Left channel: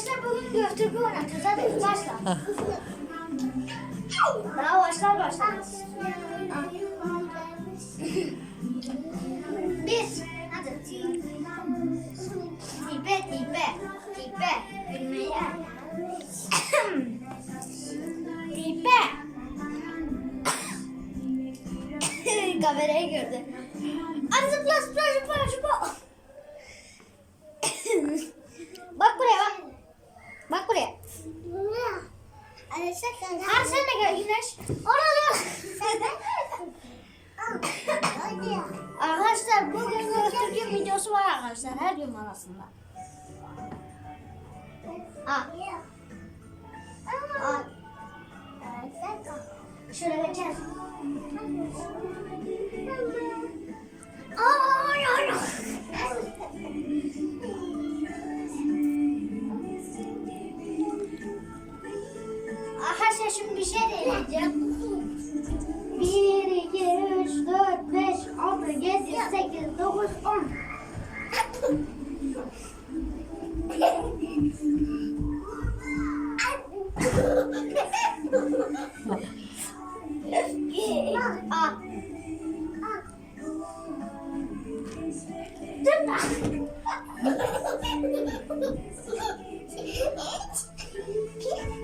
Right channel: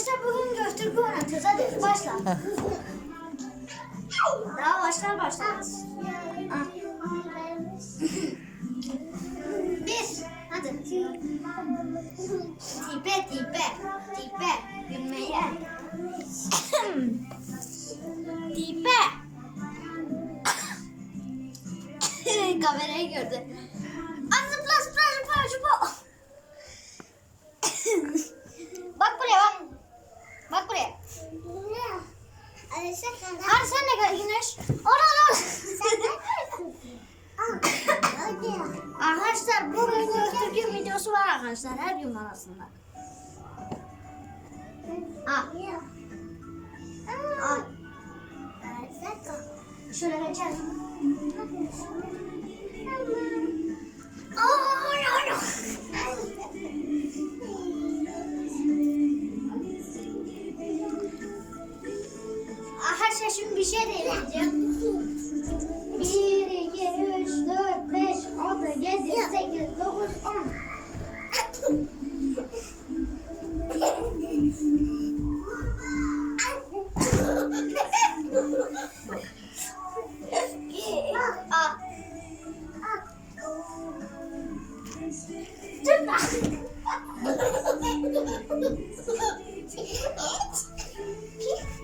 Arkadaşlar bugün göftürkü oynatacağız. Hadi başla. Daha başlar başlamaz. Bir. Hadi. Tipe tipe. Tipe. Gülmeye. tipe. Kamerayı gördü. Hadi zıpla zıpla zıpla zıpla. bak buraya bak. Bak buraya. Hadi sen de gel Güneş. Ona dur. Arkadaşlar bugün gösterdiğim videosu var arkadaşlar. Her gün var aslında. Aa. Aa. Şöyle geçer.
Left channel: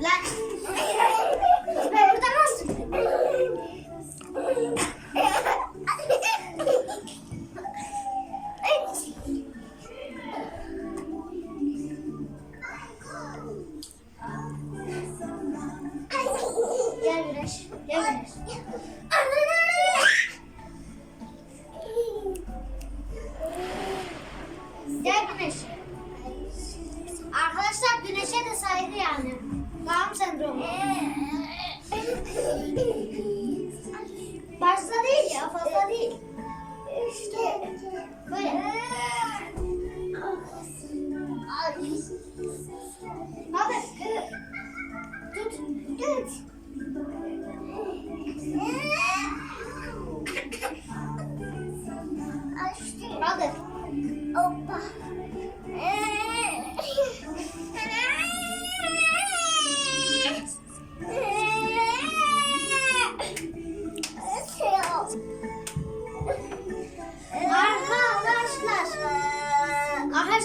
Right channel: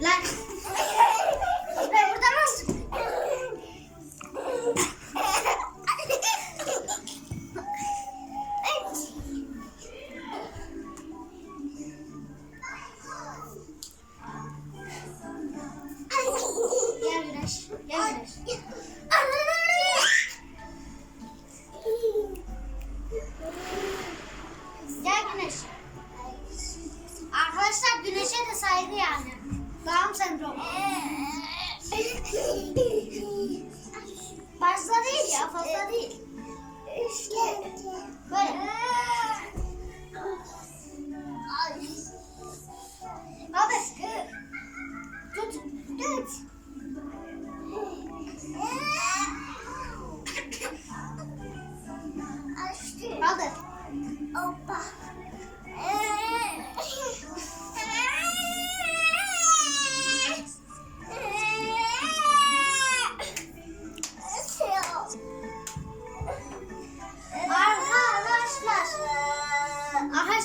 Lan. Ben burada nasıl? Gel Güneş. Gel Güneş. Gel Güneş. Arkadaşlar Güneş'e de saygı yani. Down sendromu. Fazla değil ya fazla değil. İşte böyle. Hadi. Tut. Tut. Hadi. Hoppa.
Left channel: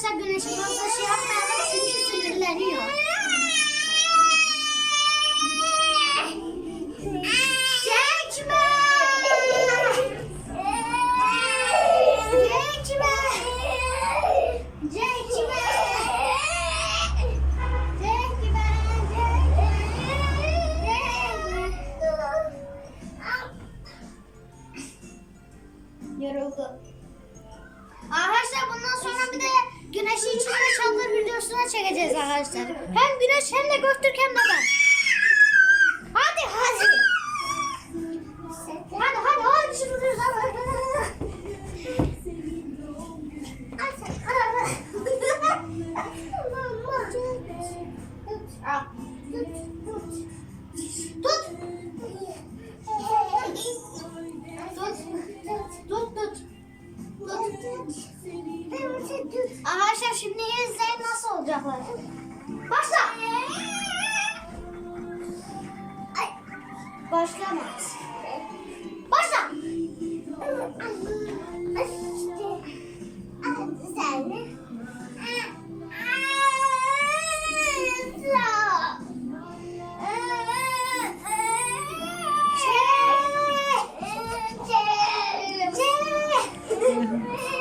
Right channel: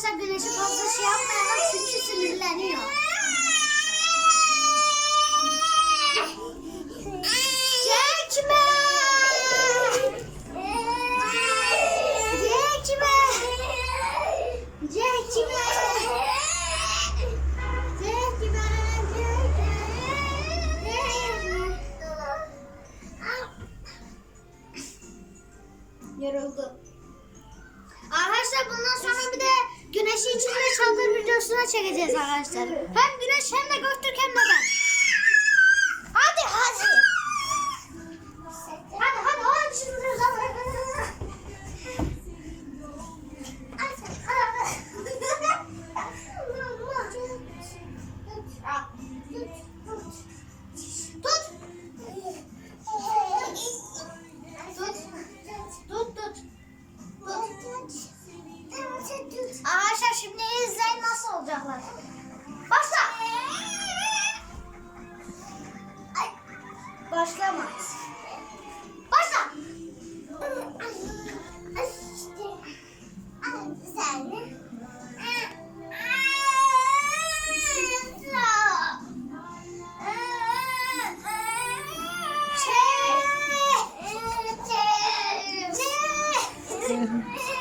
Arkadaşlar güneşe fazla şey yapmayalım güneşi içinde çaldır videosuna çekeceğiz arkadaşlar. Hem güneş hem de Göktürk hem de ben. Hadi hadi. Hadi hadi hadi şimdi Tut. Tut. Tut tut. Tut. Arkadaşlar şimdi izleyin nasıl olacaklar. Başla. Ay. Başlamaz. Başla. Arkadaşlar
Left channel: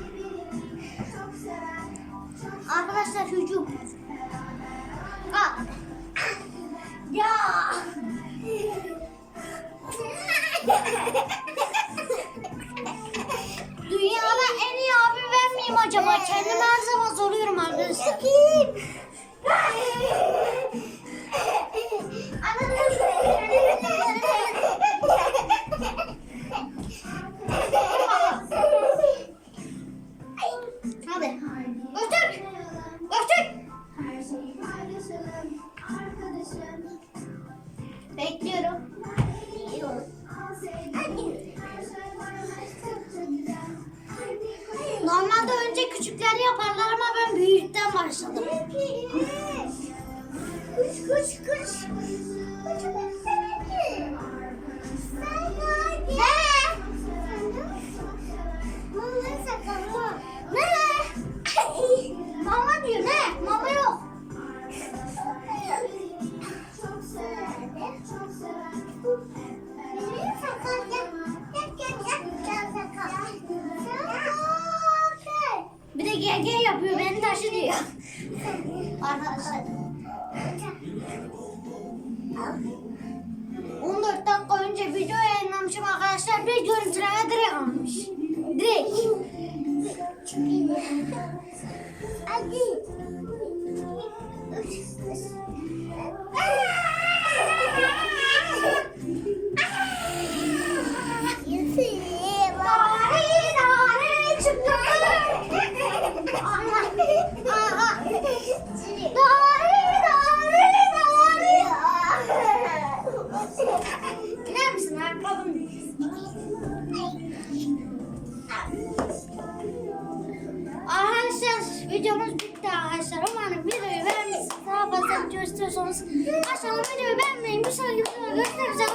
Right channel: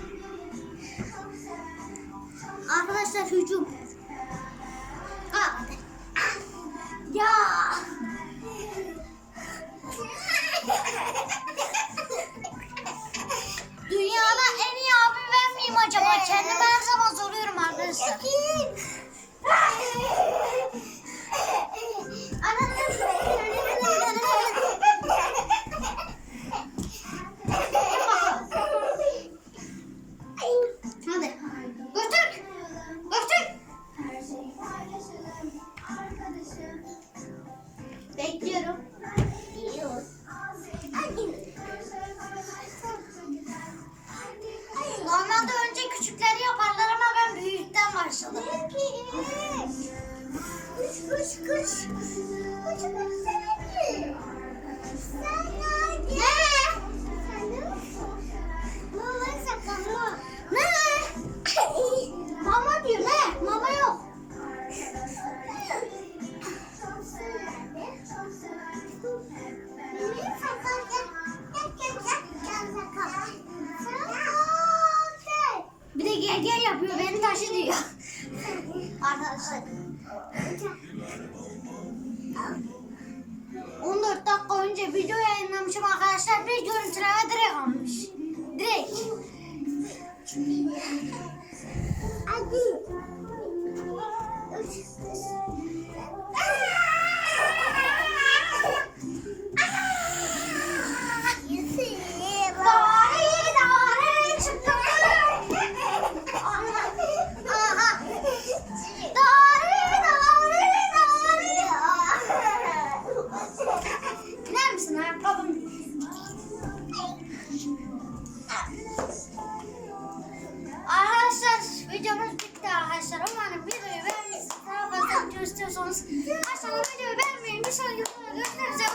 Arkadaşlar hücum. Ya. Dünyada en iyi abi ben acaba? Kendimi her zaman soruyorum arkadaşlar. Normalde önce küçükleri yaparlar ama ben büyükten başladım. Kuş kuş kuş. Ne? Hut. Videomuz bitti arkadaşlar. Umarım videoyu beğenmişsiniz. Daha fazla video istiyorsanız aşağıda videoyu beğenmeyi, bir sonraki videoda görüşmek üzere.